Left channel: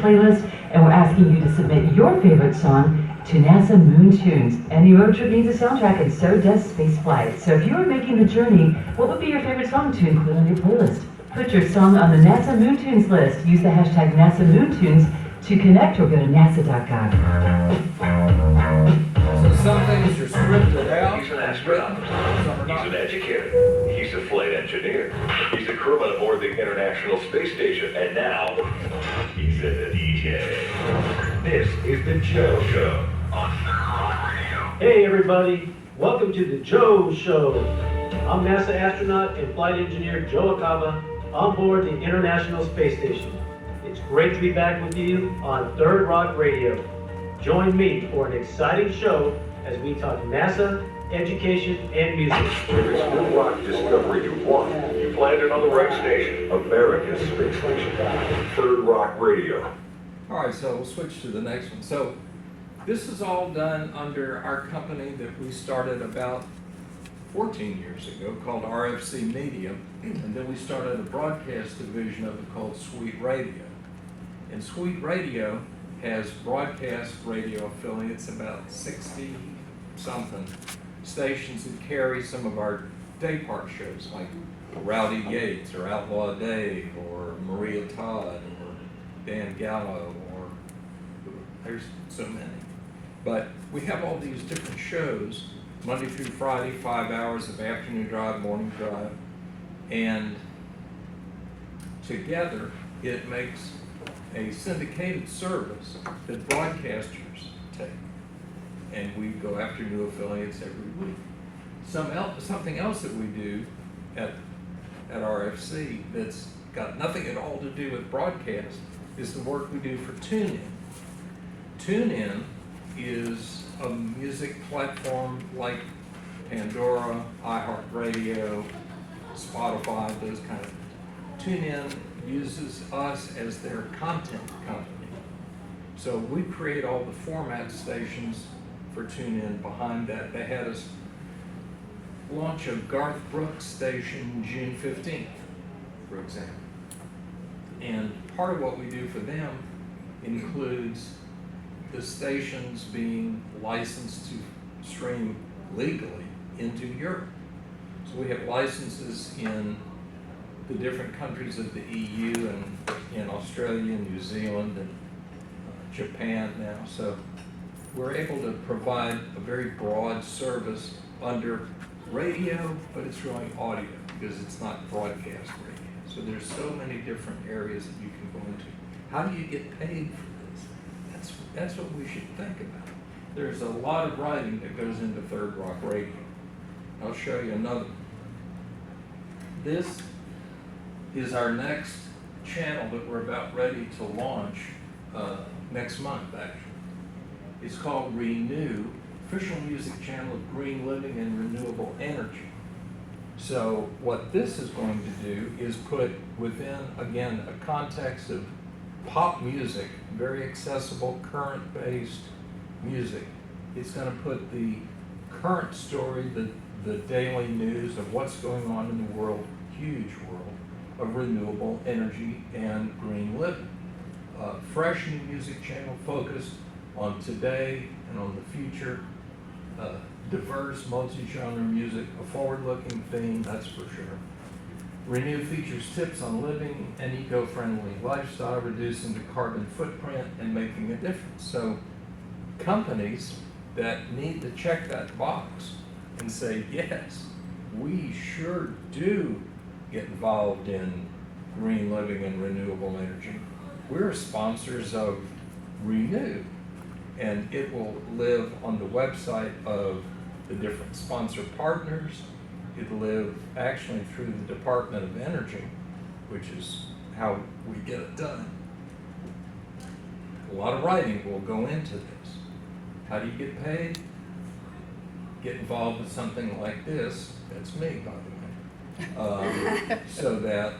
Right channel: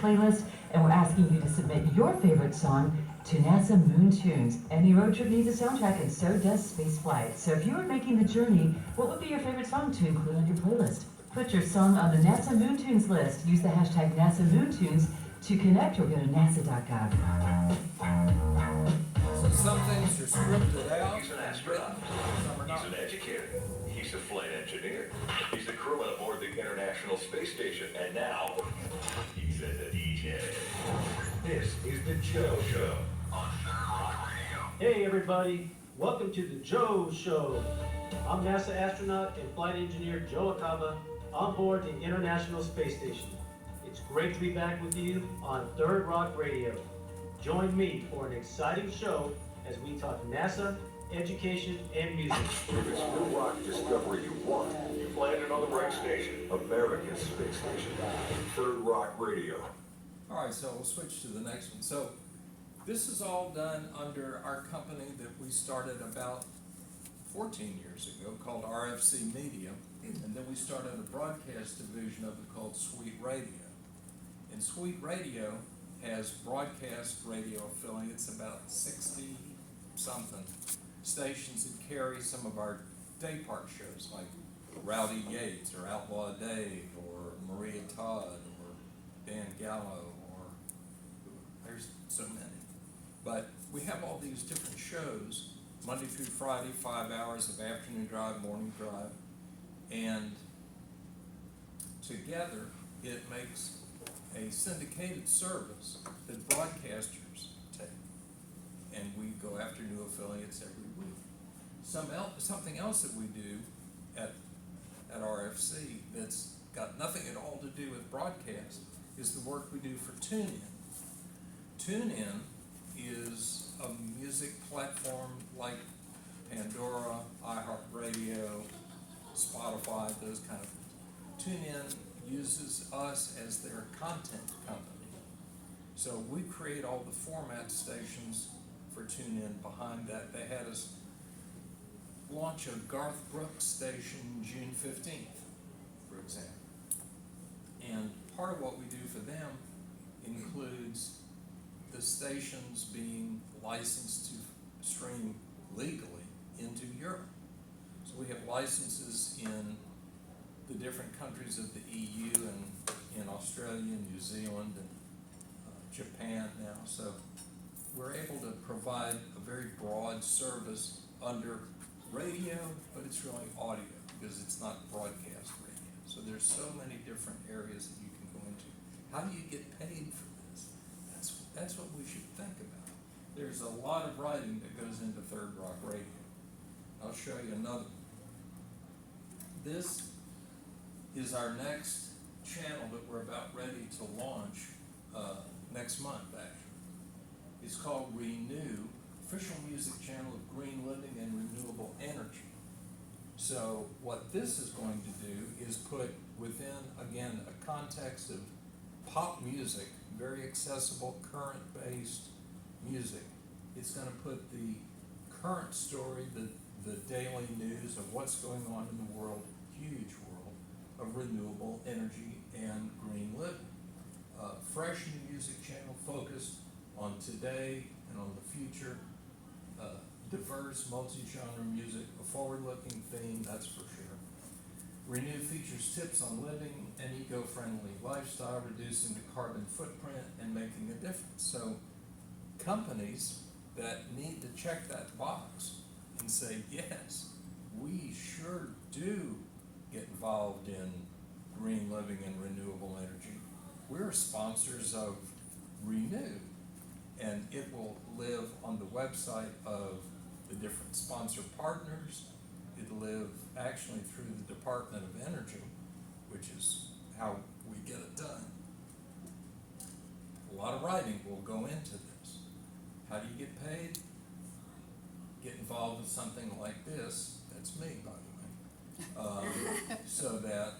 playlist, and we're asking you to submit your favorite song to NASA Moon Tunes. Any road trip needs a soundtrack, and so does spaceflight. So if you are making the journey, what would be your favorite song to include on your playlist? Put your song on the NASA Moon Tunes list. Use the hashtag NASA Moon Tunes to connect or go to nasa.gov. So some things are scripted out. He's an astronaut. He's an educator. He's a flight engineer. He's a crewman aboard the International Space Station. And now, he's a DJ. This is The Joe Show on Third Rock Radio. Hey everybody, welcome to The Joe Show. I'm NASA astronaut and flight engineer Joe Acaba on board the International Space Station. It's great to be back with you on Third Rock Radio. Join me for an exciting show as we talk NASA, education, and music. If it's new rock discovery you want, you've landed on the right station. America's Space Station. Third Rock Radio. All right, so we'll switch to the next one. So this is all done under our company that we started about 14 years ago called RFC Media, and then we started a broadcast division of it called Sweet Radio. And Sweet Radio has broadcast radio affiliates, about 60-something stations that carry some of our day part shows, like Rowdy Yates, or Outlaw Dave, or Maria Todd, or Dan Gallo, or there's so many. But we have all these different shows, Monday through Friday, 5 hours of afternoon drive, morning drive, and together it makes a syndicated service that broadcasters take, and we go after new affiliates every week. Something else that we do at RFC that's got nothing at all to do with broadcast is the work we do for TuneIn. TuneIn is a music platform like Pandora, iHeartRadio, Spotify, those kind of things. TuneIn uses us as their content company. So we create all the format stations for TuneIn behind that. They had us launch a Garth Brooks station June 15th, for example. And part of what we do for them includes the stations being licensed to stream legally into Europe. So we have licenses in the different countries of the EU and in Australia, New Zealand, and Japan now. So we're able to provide a very broad service under radio, but it's really audio because it's not broadcast radio. So there's so many different areas that you can go into. How do you get paid for this? That's what we should think about. There's a lot of writing that goes into Third Rock Radio. I'll show you another one. This is our next channel that we're about ready to launch next month, actually. It's called Renew, official music channel of green living and renewable energy. So what this is going to do is put within, again, a context of pop music, very accessible, current-based music. It's going to put the current story, the daily news of what's going on in the world, huge world, of renewable energy and green living. Fresh new music channel focused on today and on the future. Diverse, multi-genre music, a forward-looking theme, that's for sure. Renew features tips on living an eco-friendly lifestyle, reducing the carbon footprint and making a difference. So companies that need to check that box and say, yes, we sure do get involved in green living and renewable energy. We're sponsors of Renew, and it will live on the website of the different sponsor partners. It'll live actually through the Department of Energy, which is how we get it done. A lot of writing will go into this. How do you get paid? Get involved with something like this. That's me, by the way. So that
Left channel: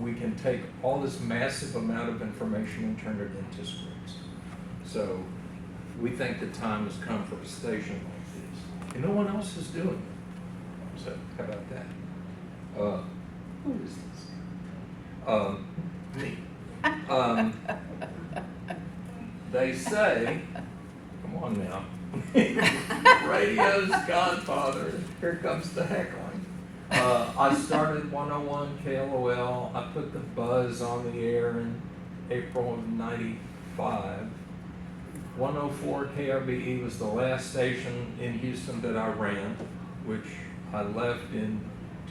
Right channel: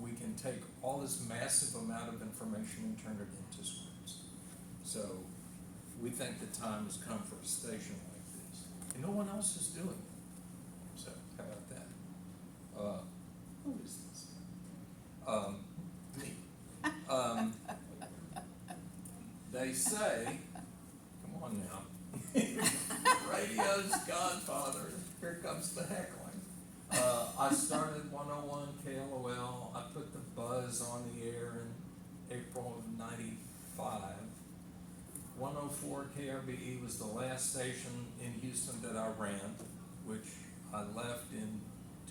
we can take all this massive amount of information and turn it into scripts. So we think the time has come for a station like this. And no one else is doing it. So how about that? Who is this? Me. They say, come on now, radio's godfather, here comes the heckling. I started 101 KLOL, I put the buzz on the air in April of '95. 104 KRBE was the last station in Houston that I ran, which I left in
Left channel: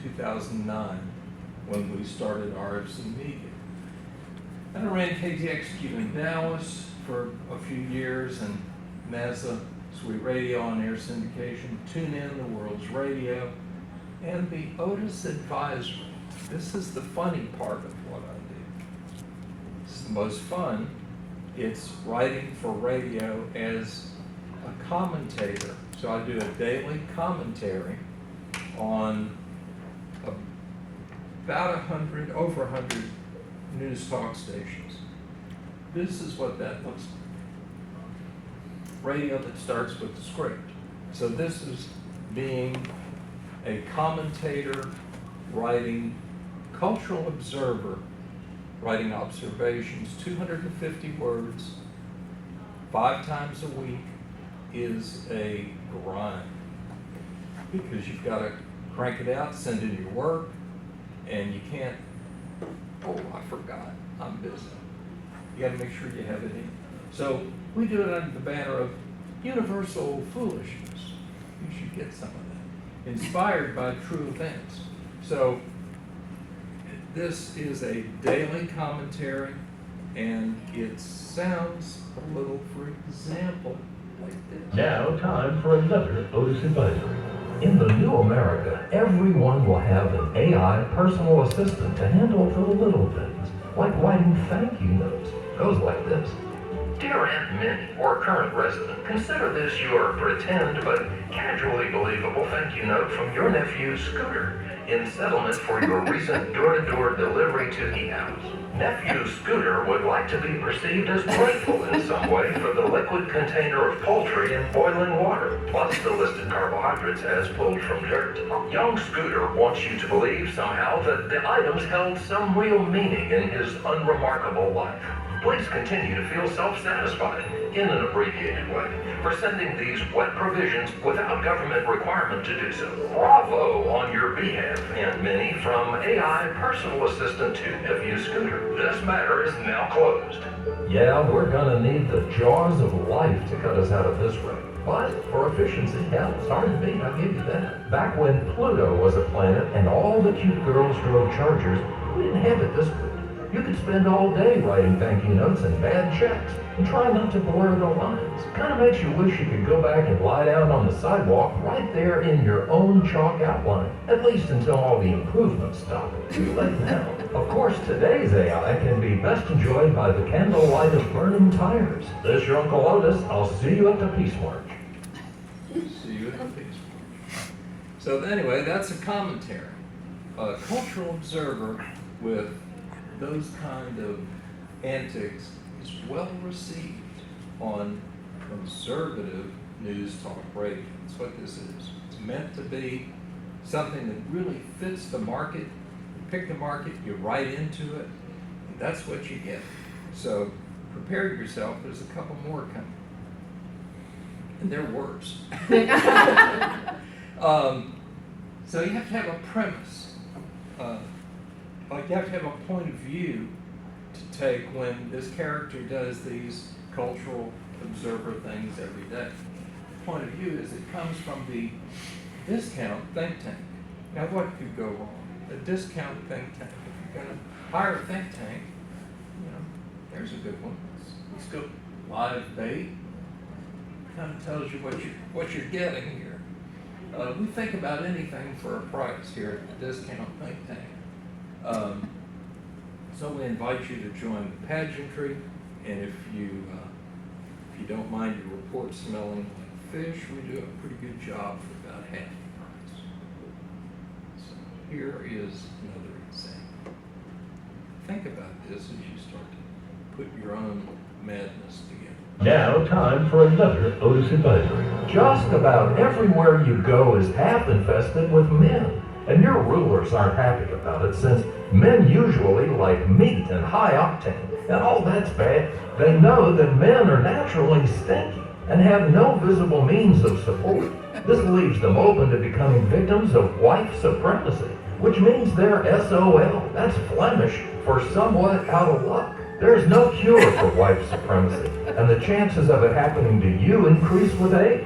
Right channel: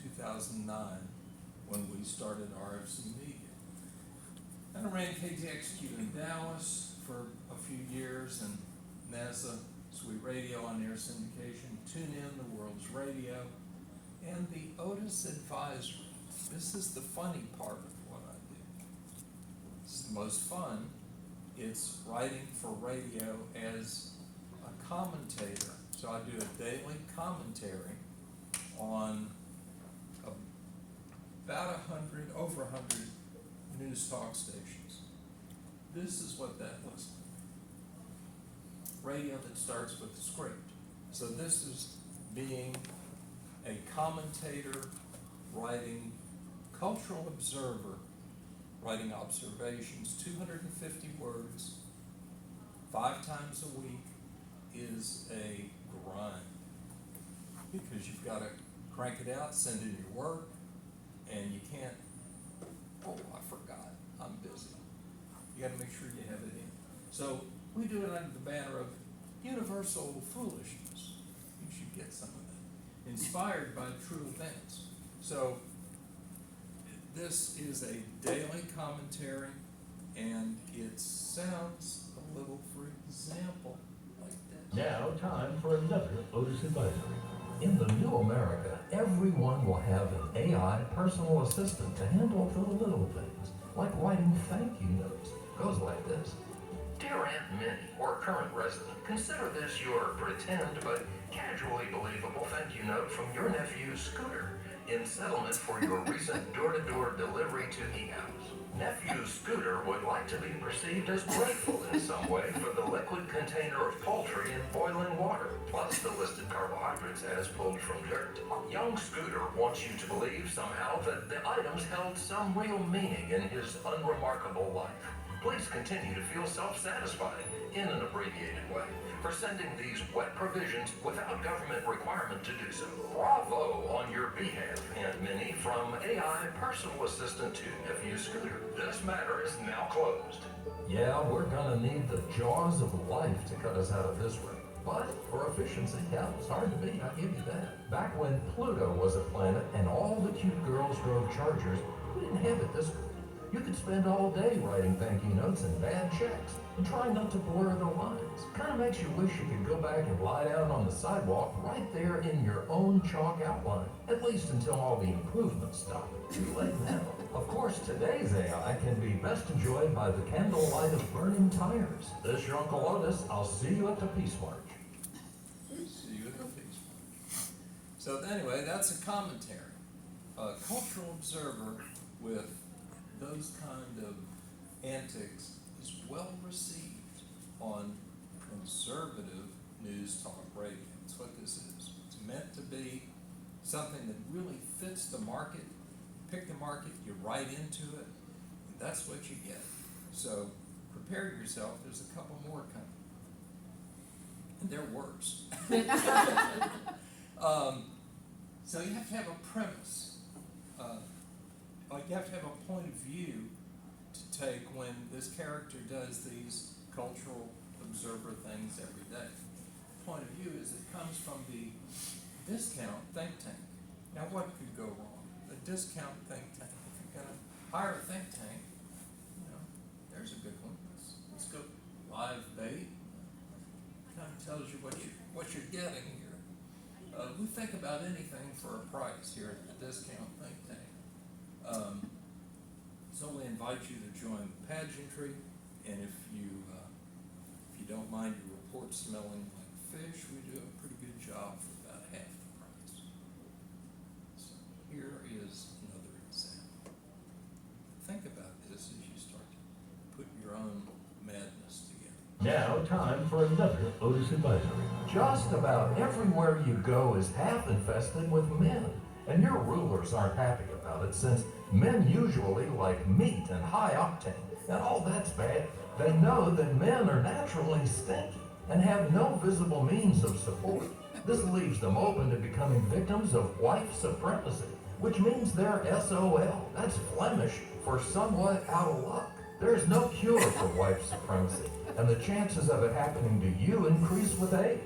2009 when we started RFC Media. And I ran KTXQ in Dallas for a few years, and NASA, Sweet Radio on air syndication, Tune In, the world's radio, and the Otis Advisory. This is the funny part of what I do. It's the most fun. It's writing for radio as a commentator. So I do a daily commentary on about over 100 news talk stations. This is what that looks like. Radio that starts with the script. So this is being a commentator, writing cultural observer, writing observations, 250 words, 5 times a week is a grind. Because you've got to crank it out, send in your work, and you can't, oh, I forgot, I'm busy. You got to make sure you have it in. So we do it under the banner of universal foolishness. You should get some of that. Inspired by true events. So this is a daily commentary, and it sounds a little, for example, like this. Now, time for another Otis Advisory. In the new America, everyone will have an AI personal assistant to handle the little things, like writing thank you notes. Goes like this. Dear Aunt Minnie, or current resident, consider this your pretend but casually believable thank you note from your nephew Scooter in settlement for your recent door-to-door delivery to the house. Nephew Scooter would like to be perceived as grateful in some way for the liquid container of poultry and boiling water, plus the listed carbohydrates as pulled from dirt. Young Scooter wants you to believe somehow that the items held some real meaning in his unremarkable life. Please continue to feel self-satisfied, in an abbreviated way, for sending these wet provisions without government requirement to do so. Bravo on your behalf, Aunt Minnie, from AI personal assistant to nephew Scooter. This matter is now closed. Yeah, we're gonna need the jaws of life to cut us out of this wreck. But for efficiency, hell, it's hard to beat, I'll give you that. Back when Pluto was a planet and all the cute girls drove Chargers, we didn't have it this way. You could spend all day writing thank you notes and bad checks and try not to blur the lines. Kind of makes you wish you could go back and lie down on the sidewalk right there in your own chalk outline, at least until all the improvements stop. Too late now. Of course, today's AI can be best enjoyed by the candlelight of burning tires. This is your Uncle Otis. I'll see you at the Peace March. See you at the Peace March. So anyway, that's a commentary. A cultural observer with those kind of antics is well received on conservative news talk radio. That's what this is. It's meant to be something that really fits the market. You pick the market, you write into it, and that's what you get. So prepare yourself, there's a couple more coming. And they're worse. So you have to have a premise. Like you have to have a point of view to take when this character does these cultural observer things every day. The point of view is it comes from the discount think tank. Now what could go wrong? A discount think tank. If you're going to hire a think tank, you know, there's a good one. Let's go live bait. Kind of tells you what you're getting here. We think about anything for a price here at the discount think tank. So we invite you to join the pageantry, and if you don't mind your report smelling like fish, we do a pretty good job for about half the price. So here is another example. Think about this as you start to put your own madness together. Now, time for another Otis Advisory. Just about everywhere you go is half infested with men. And your rulers aren't happy about it since Men usually like meat and high octane, and all that's bad. They know that men are naturally stinky and have no visible means of support. This leaves them open to becoming victims of wife supremacy, which means they're SOL. That's Flemish for somewhat out of luck. There's no cure for wife supremacy, and the chances of it happening to you increase with age.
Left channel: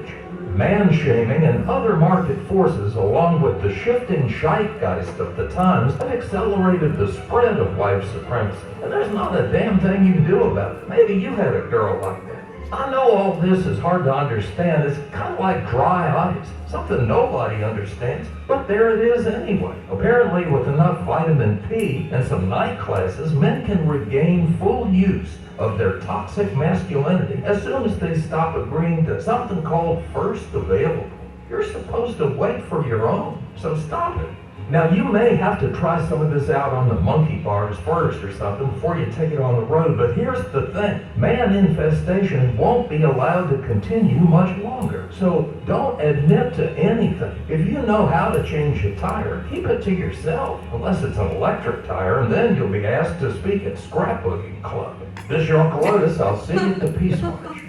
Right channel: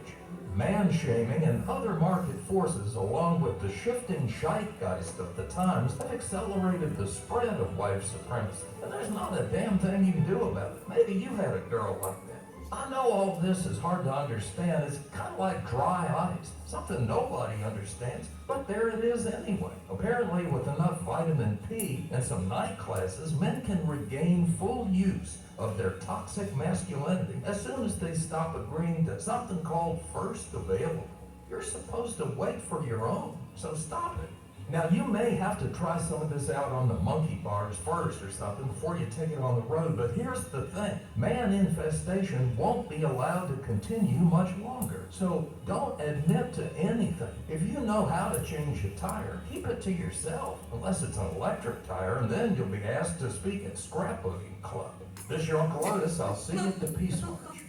Man-shaming and other market forces, along with the shifting zeitgeist of the times, have accelerated the spread of wife supremacy. And there's not a damn thing you can do about it. Maybe you had a girl like that. I know all this is hard to understand. It's kind of like dry ice, something nobody understands, but there it is anyway. Apparently, with enough vitamin P and some night classes, men can regain full use of their toxic masculinity as soon as they stop agreeing to something called first available. You're supposed to wait for your own, so stop it. Now, you may have to try some of this out on the monkey bars first or something before you take it on the road, but here's the thing. Man infestation won't be allowed to continue much longer, so don't admit to anything. If you know how to change a tire, keep it to yourself, unless it's an electric tire, and then you'll be asked to speak at scrapbooking club. This is your Uncle Otis. I'll see you at the Peace March.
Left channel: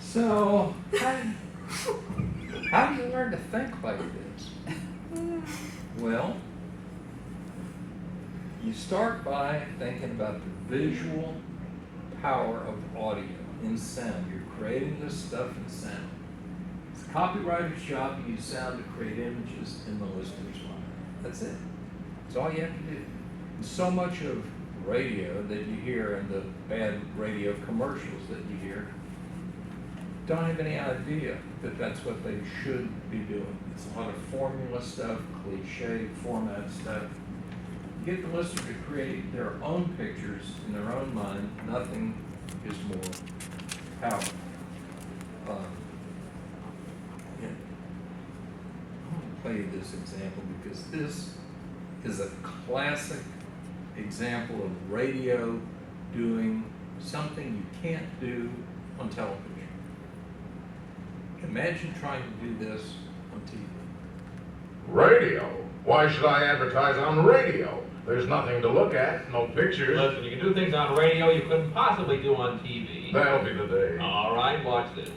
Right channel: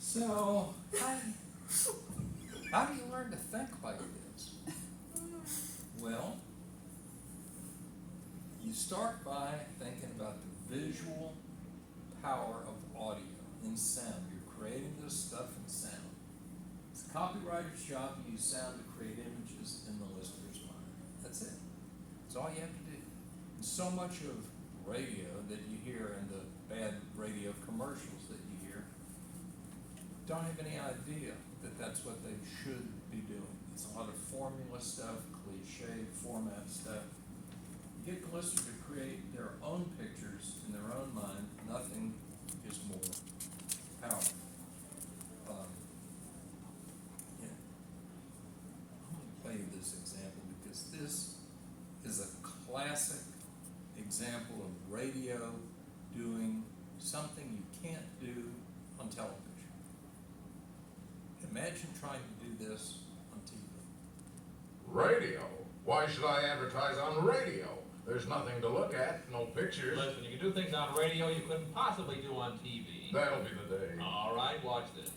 So, how do you learn to think like this? Well, you start by thinking about the visual power of audio in sound. You're creating this stuff in sound. It's a copywriter's job to use sound to create images in the listener's mind. That's it. That's all you have to do. And so much of radio that you hear and the bad radio commercials that you hear don't have any idea that that's what they should be doing. It's a lot of formula stuff, cliche format stuff. You get the listener to create their own pictures in their own mind. Nothing is more powerful. Yeah. I want to play you this example because this is a classic example of radio doing something you can't do on television. Imagine trying to do this on TV. Radio? Why should I advertise on radio? There's nothing to look at, no pictures. Listen, you can do things on radio you couldn't possibly do on TV. That'll be the day. All right, watch this.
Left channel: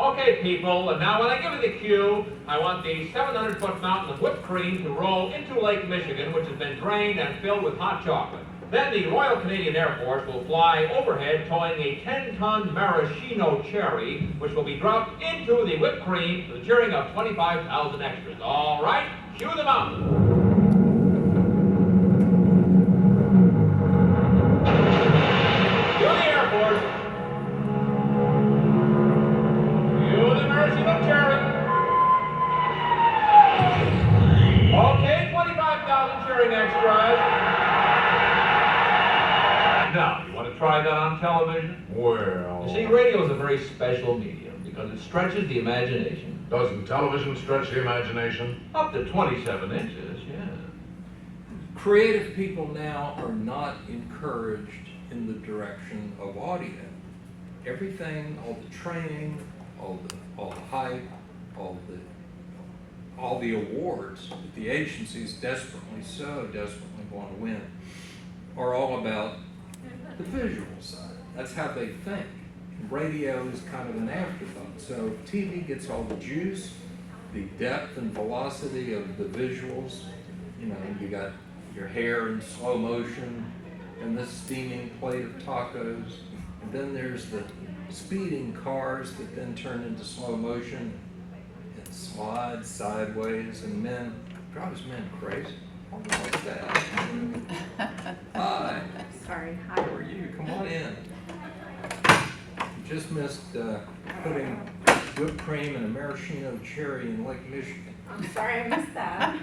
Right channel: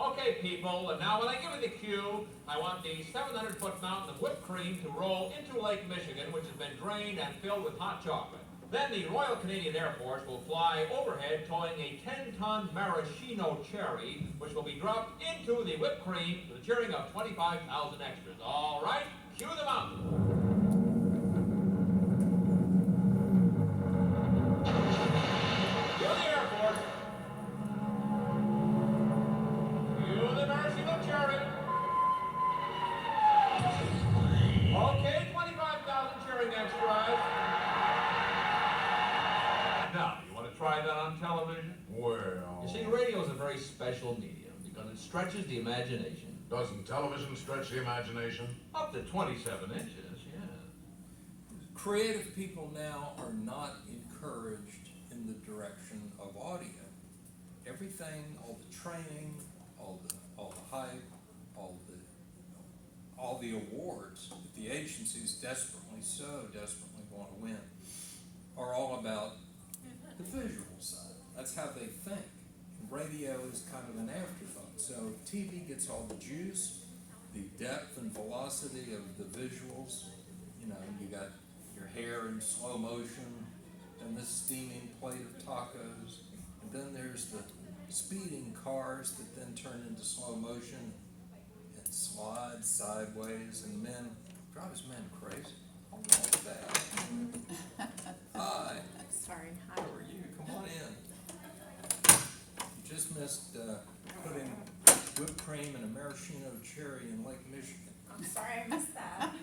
Okay, people, and now when I give you the cue, I want the 700-foot fountain of whipped cream to roll into Lake Michigan, which has been drained and filled with hot chocolate. Then the Royal Canadian Air Force will fly overhead towing a 10-ton maraschino cherry, which will be dropped into the whipped cream to the cheering of 25,000 extras. All right, cue the mountain. Cue the Air Force. Cue the maraschino cherry. Okay, 25,000 cheering extras. Now, you want to try that on television? Well... You see, radio is a very special medium because it stretches the imagination. Doesn't television stretch the imagination? Up to 27 inches, yeah. Creative people now are not encouraged in the direction of audio. Everything, all the training, all the hype, all the awards that the agencies desperately want to win are all about the visual side. That's how they think. Radio is kind of an afterthought. So TV gets all the juice, the depth and velocity of the visuals. You know, you got your hair in slow motion and this steaming plate of tacos. And then there's the speeding cars that then turn into slow motion and slide sideways, and drives men crazy. Like that. Hi. Sorry, hi. How are you? Come on in. You just missed putting whipped cream and a maraschino cherry in Lake Michigan. I'm sorry I missed that.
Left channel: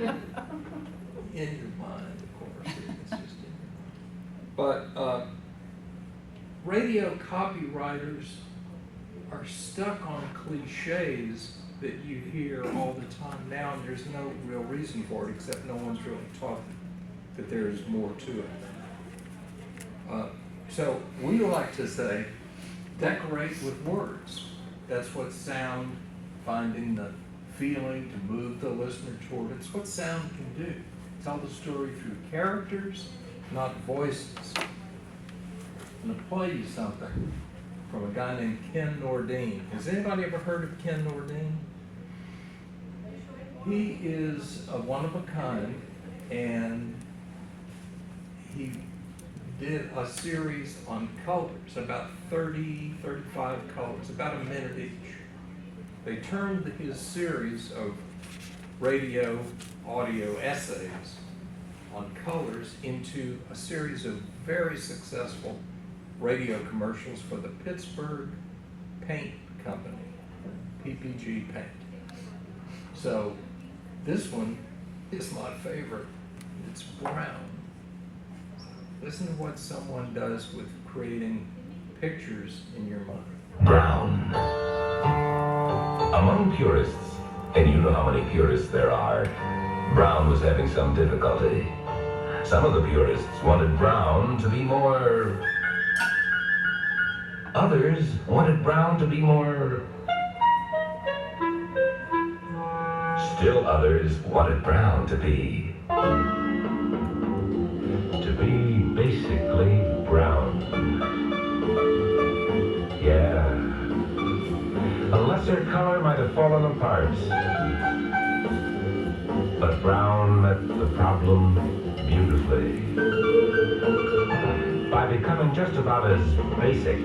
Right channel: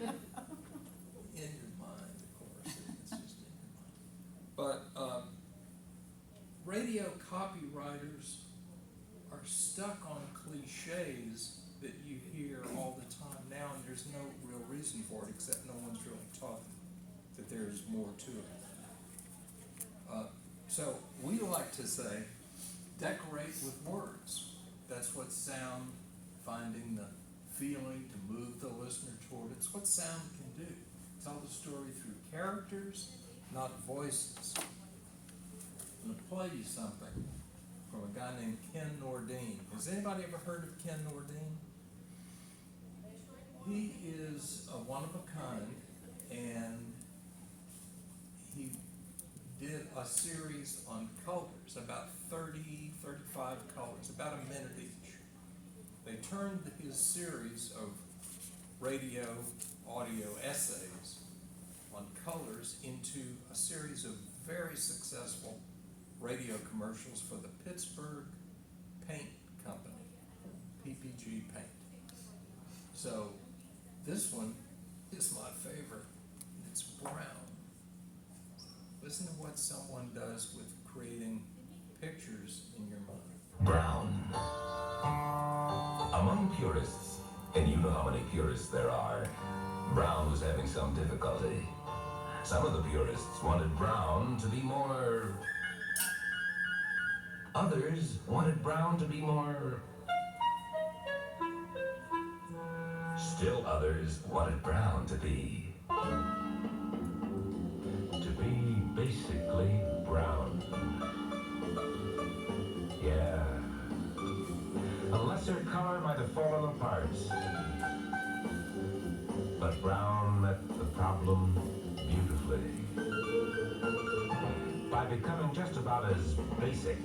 In your mind, of course. It's just in your mind. But radio copywriters are stuck on cliches that you hear all the time now, and there's no real reason for it, except no one's really taught that there's more to it. So we like to say, decorate with words. That's what sound, finding the feeling to move the listener toward. It's what sound can do. tell the story through characters, not voices. I'm gonna play you something from a guy named Ken Nordine. Has anybody ever heard of Ken Nordine? He is a one of a kind, and he did a series on colors, about 30, 35 colors, about a minute each. They turned his series of radio, audio essays on colors into a series of very successful radio commercials for the Pittsburgh Paint Company, PPG Paint. So this one is my favorite. It's brown. Listen to what someone does with creating pictures in your mind. Brown. Among purists, and you know how many purists there are, Brown was having some difficulty. Some of the purists wanted Brown to be more... Others wanted Brown to be more... Still others wanted Brown to be basically brown. Yeah. A lesser color might have fallen apart, but brown met the problem beautifully. By becoming just about as basic,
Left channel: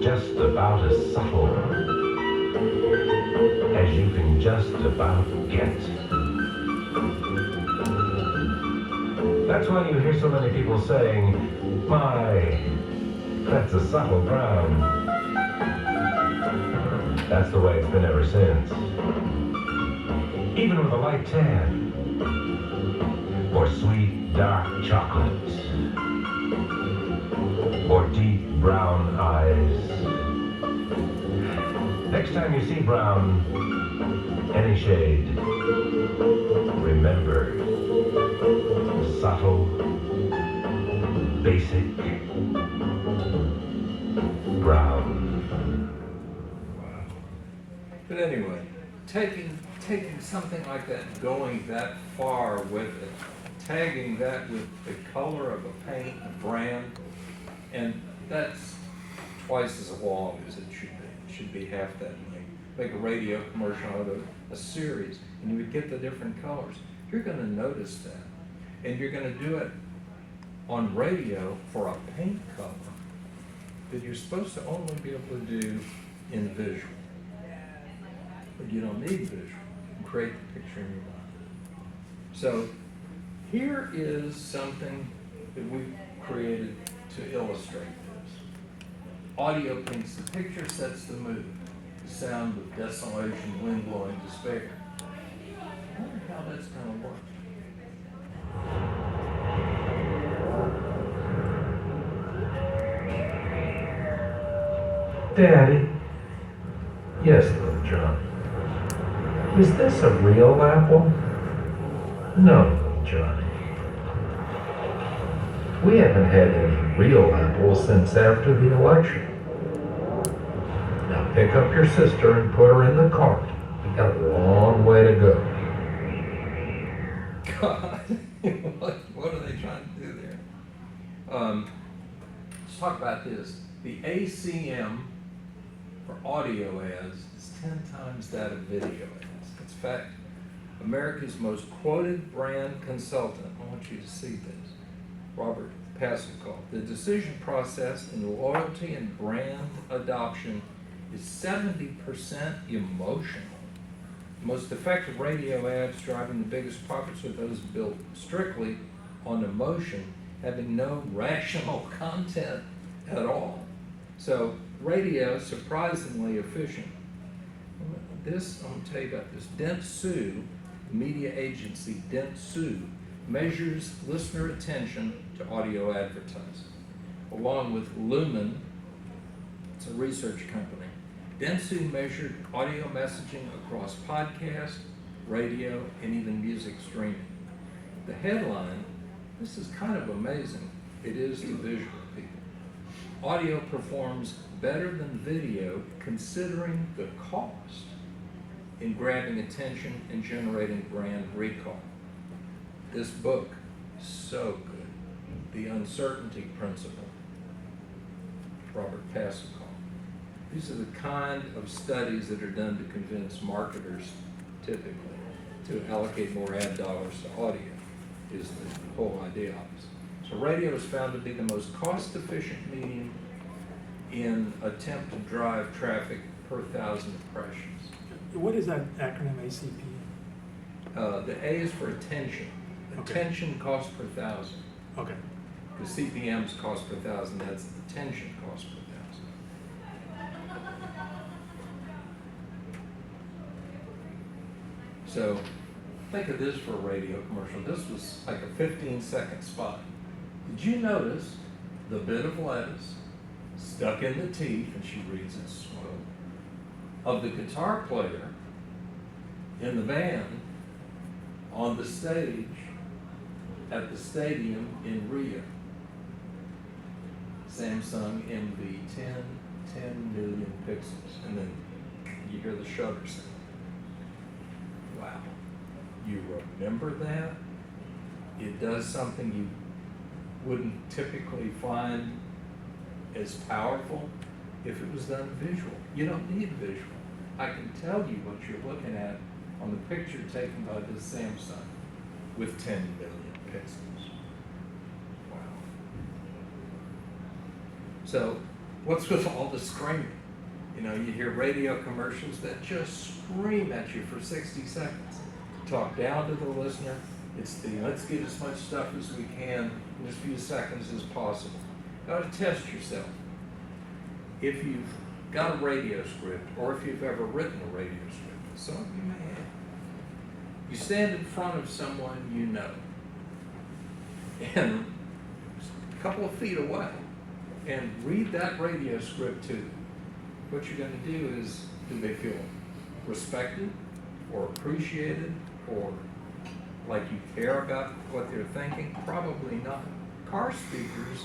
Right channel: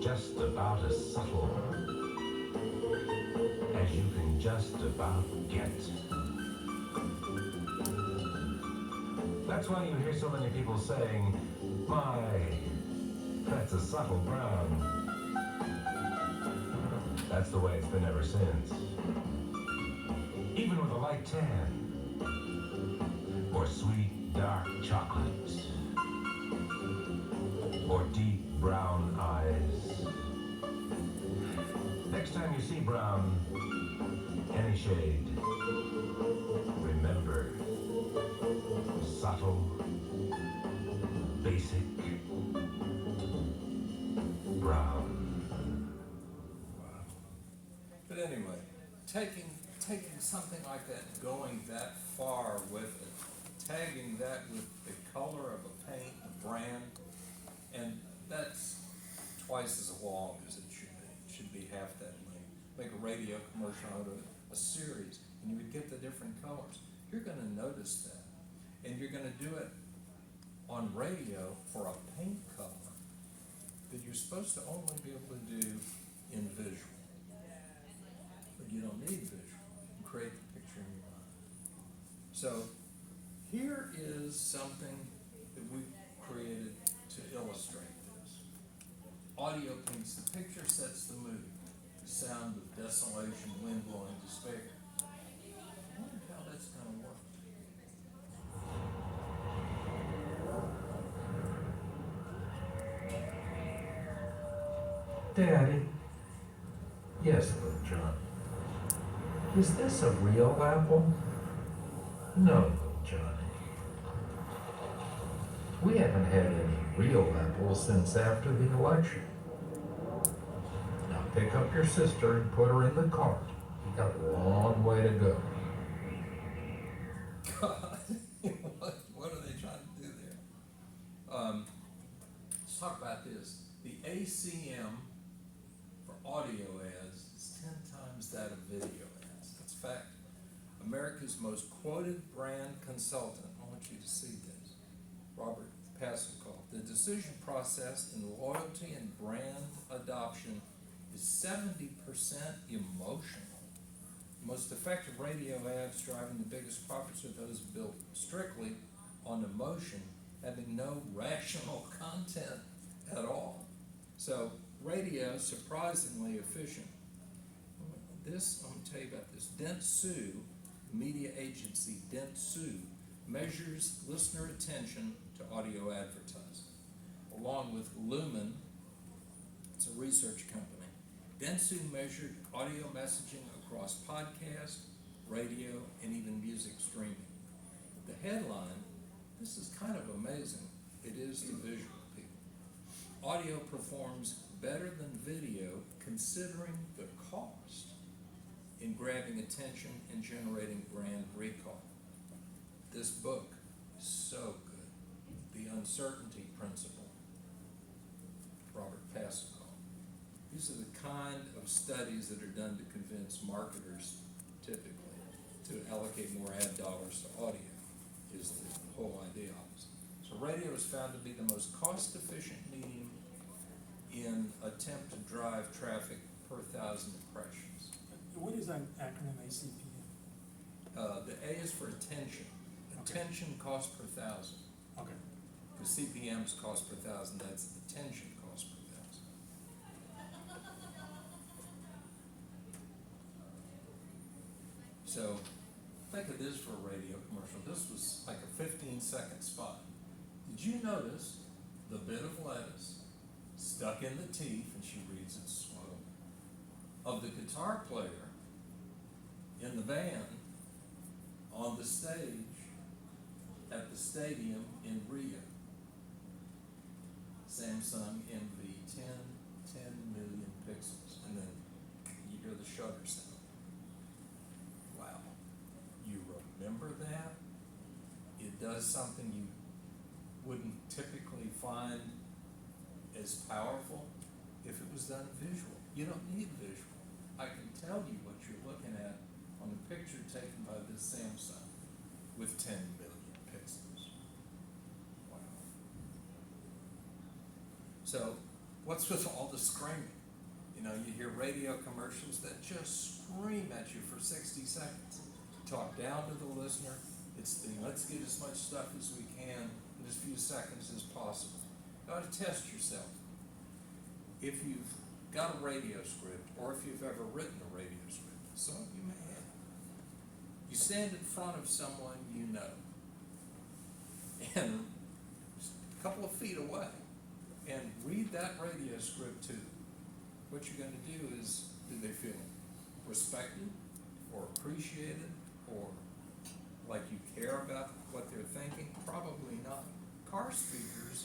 just about as subtle as you can just about get. That's why you hear so many people saying, my, that's a subtle brown. That's the way it's been ever since. Even with a light tan, or sweet dark chocolate, or deep brown eyes. Next time you see brown, any shade, remember, subtle, basic, brown. But anyway, taking something like that, going that far with it, tagging that with the color of a paint, a brand, and that's twice as long as it should be. It should be half that length. Make a radio commercial out of a series, and you would get the different colors. You're going to notice that, and you're going to do it on radio for a paint color that you're supposed to only be able to do in visual. But you don't need visual. You can create the picture in your mind. So here is something that we created to illustrate this. Audio paints the picture, sets the mood. The sound of desolation, wind blowing, despair. I wonder how that's going to work. Daddy? Yes, little John. Is this a real apple? No, little Johnny. We haven't had any real apples since after the election. Now pick up your sister and put her in the cart. We got a long way to go. God, what are they trying to do there? Let's talk about this. The ACM for audio ads is 10 times that of video ads. It's fact. America's most quoted brand consultant, I want you to see this, Robert Pascal. The decision process in loyalty and brand adoption is 70% emotional. Most effective radio ads driving the biggest profits are those built strictly on emotion, having no rational content at all. So radio is surprisingly efficient. This, I'm going to tell you about this. Dentsu, media agency Dentsu, measures listener attention to audio advertising. Along with Lumen, it's a research company. Dentsu measured audio messaging across podcast, radio, and even music streaming. The headline, this is kind of amazing. It is to visual people. Audio performs better than video considering the cost. in grabbing attention and generating brand recall. This book is so good. The Uncertainty Principle, Robert Pascal. These are the kind of studies that are done to convince marketers, typically, to allocate more ad dollars to audio, is the whole idea of it. So radio is found to be the most cost-efficient medium in attempt to drive traffic per 1,000 impressions. What is that acronym ACP? The A is for attention. Okay. Attention cost per 1,000. Okay. The CPM's cost per 1,000, that's attention cost per 1,000. So think of this for a radio commercial. This was like a 15-second spot. Did you notice the bit of lettuce stuck in the teeth, and she reads it slow, of the guitar player in the band on the stage at the stadium in Rio? Samsung MV 10 million pixels, and then you hear the shutter sound. Wow, you remember that? It does something you wouldn't typically find as powerful if it was done visual. You don't need visual. I can tell you what you're looking at on the picture taken by this Samsung with 10 million pixels. Wow. So, what's with all the screaming? You know, you hear radio commercials that just scream at you for 60 seconds. Talk down to the listener. It's the let's get as much stuff as we can in as few seconds as possible. You got to test yourself. If you've got a radio script, or if you've ever written a radio script, some of you may have, you stand in front of someone you know, and a couple of feet away, and read that radio script to them. What you're going to do is, do they feel respected, or appreciated, or like you care about what they're thinking? Probably not. Car speakers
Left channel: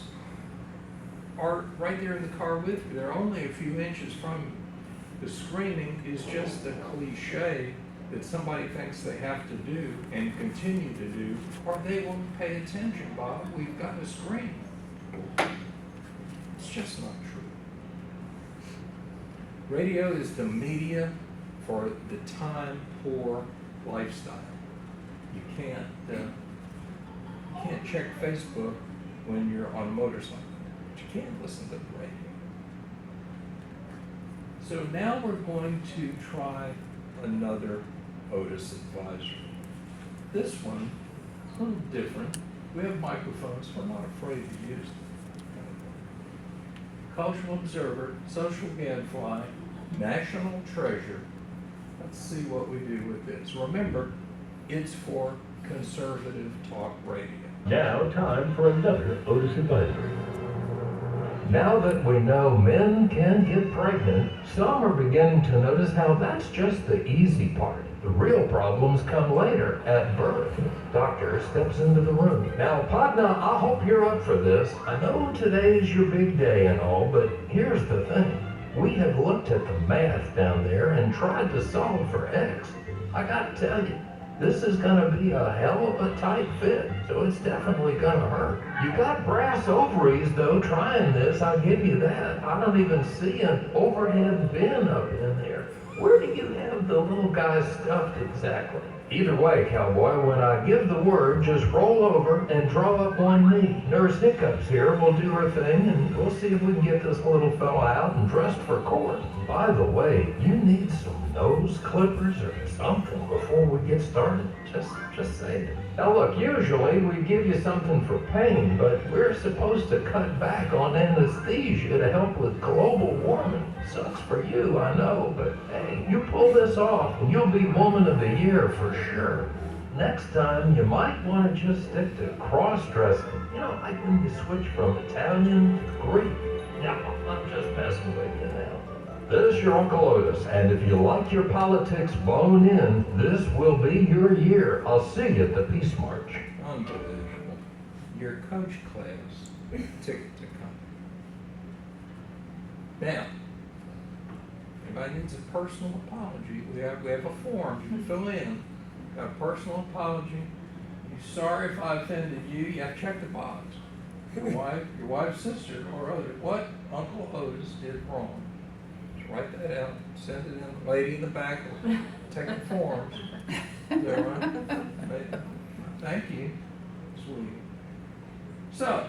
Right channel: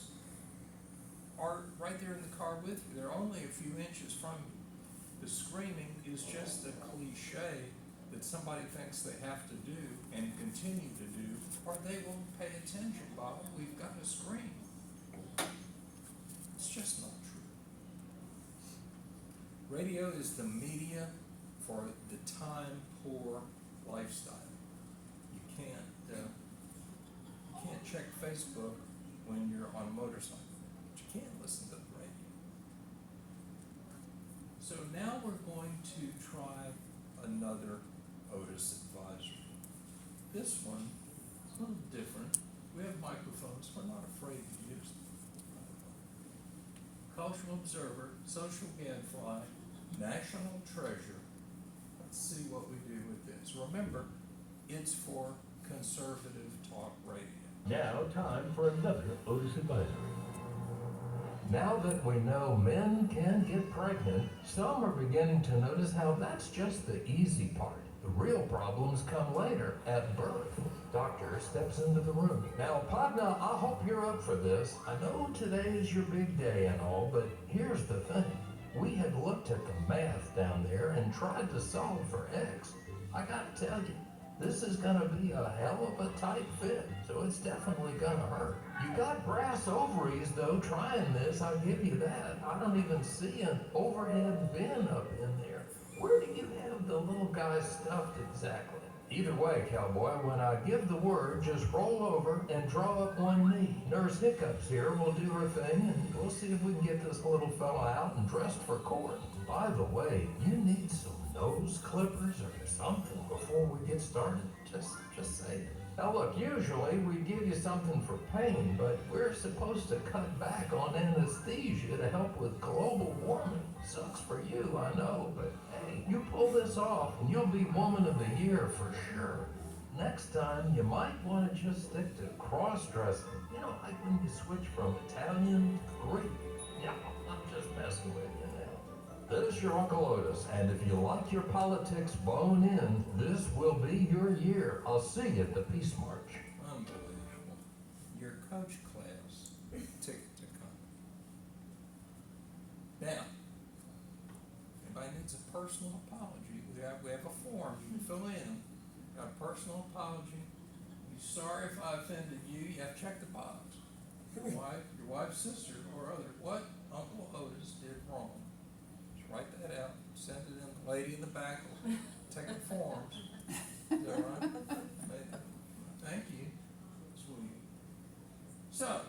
are right there in the car with you. They're only a few inches from you. The screaming is just a cliche that somebody thinks they have to do and continue to do, or they won't pay attention, Bob. We've got to scream. It's just not true. Radio is the media for the time-poor lifestyle. You can't check Facebook when you're on a motorcycle. You can't listen to the radio. So now we're going to try another Otis advisory. This one is a little different. We have microphones, so I'm not afraid to use them. Cultural Observer, Social Gadfly, National Treasure. Let's see what we do with this. Remember, it's for conservative talk radio. Now, time for another Otis advisory. Now that we know men can get pregnant, some are beginning to notice how that's just the easy part. The real problems come later, at birth. Doctor steps into the room. Now, partner, I hope you're up for this. I know today's your big day and all, but here's the thing. We have looked at the math down there and tried to solve for X. I gotta tell you, this is gonna be a hell of a tight fit, so it's definitely gonna hurt. You got brass ovaries though trying this, I'll give you that. I don't even see an overhead bin up in there. Where do you have the little guy stuffed exactly? Either way, cowboy, when I give the word, just roll over and draw up one knee. Nurse Hiccups here will do her thing, and we'll see if we can get this little fella out and dressed for court. By the way, you need some nose clippers or something before we get started. Just say it. Now look, usually we give you something for pain, but we're supposed to cut back on anesthesia to help with global warming. Sucks for you, I know, but hey, you pull this off and you'll be Woman of the Year for sure. Next time, you might want to just stick to cross-dressing. You know, like when you switch from Italian to Greek. No, I'm just messing with you now. This is your Uncle Otis, and if you like your politics bone in, this will be your year. I'll see you at the Peace March. Unbelievable. Your coach class ticket to come. Now, anybody needs a personal apology. We have a form you fill in, a personal apology. You're sorry if I offended you. You have to check the box. Your wife's sister or other. What Uncle Otis did wrong. Just write that out. Send it in. Lady in the back will take the forms. Is that right? Thank you. Sweet. So,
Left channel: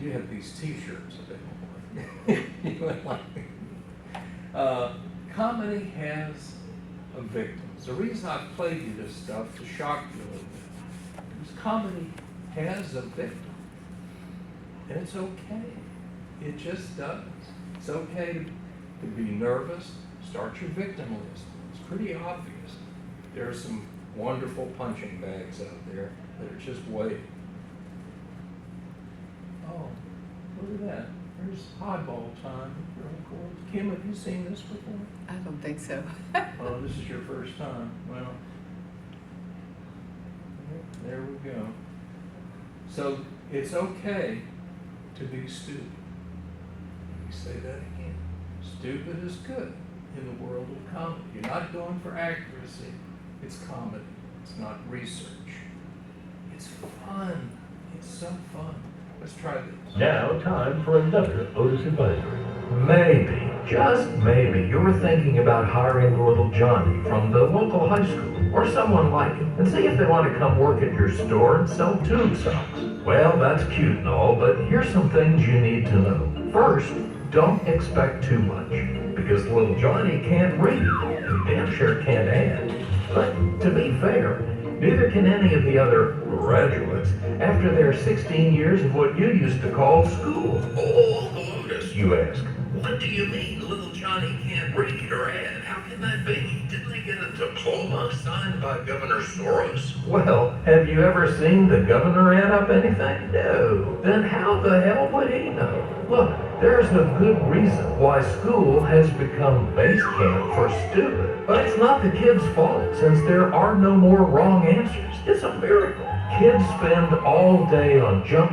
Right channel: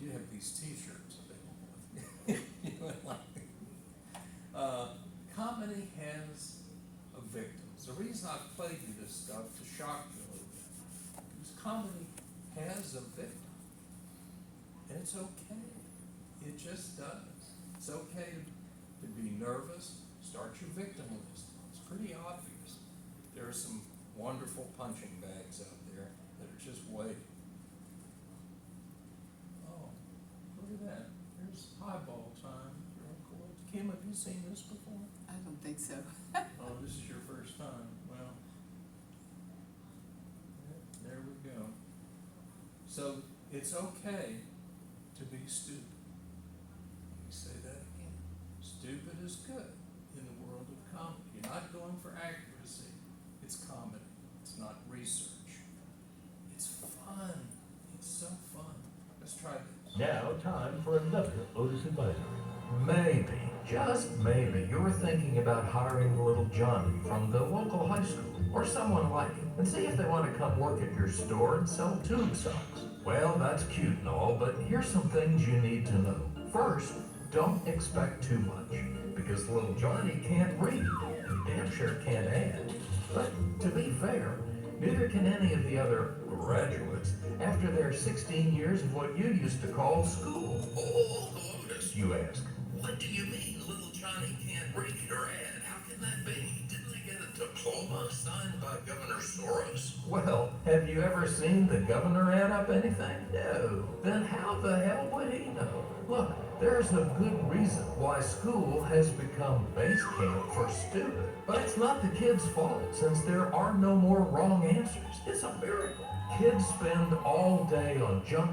you have these T-shirts available. You would like. Comedy has a victim. The reason I played you this stuff to shock you a little bit, because comedy has a victim, and it's okay. It just does. It's okay to be nervous. Start your victim list. It's pretty obvious. There are some wonderful punching bags out there that are just waiting. Oh, look at that. There's highball time. Real cool. Kim, have you seen this before? I don't think so. Oh, this is your first time. Well, there we go. So it's okay to be stupid. Let me say that again. Stupid is good in the world of comedy. You're not going for accuracy. It's comedy. It's not research. It's fun. It's so fun. Let's try this. Now, time for another Otis Advisory. Maybe, just maybe, you're thinking about hiring little Johnny from the local high school or someone like it and see if they want to come work at your store and sell tube socks. Well, that's cute and all, but here's some things you need to know. First, don't expect too much because little Johnny can't read and damn sure can't add. But to be fair, neither can any of the other graduates after their 16 years of what you used to call school. Oh, Otis, you ask. What do you mean little Johnny can't read or add? How can that be? Didn't they get a diploma signed by Governor Soros? Well, have you ever seen the governor add up anything? No. Then how the hell would he know? Look, there's a good reason why school has become base camp for stupid. But it's not the kids' fault, since there are no more wrong answers. It's a miracle. Kids spend all day on junk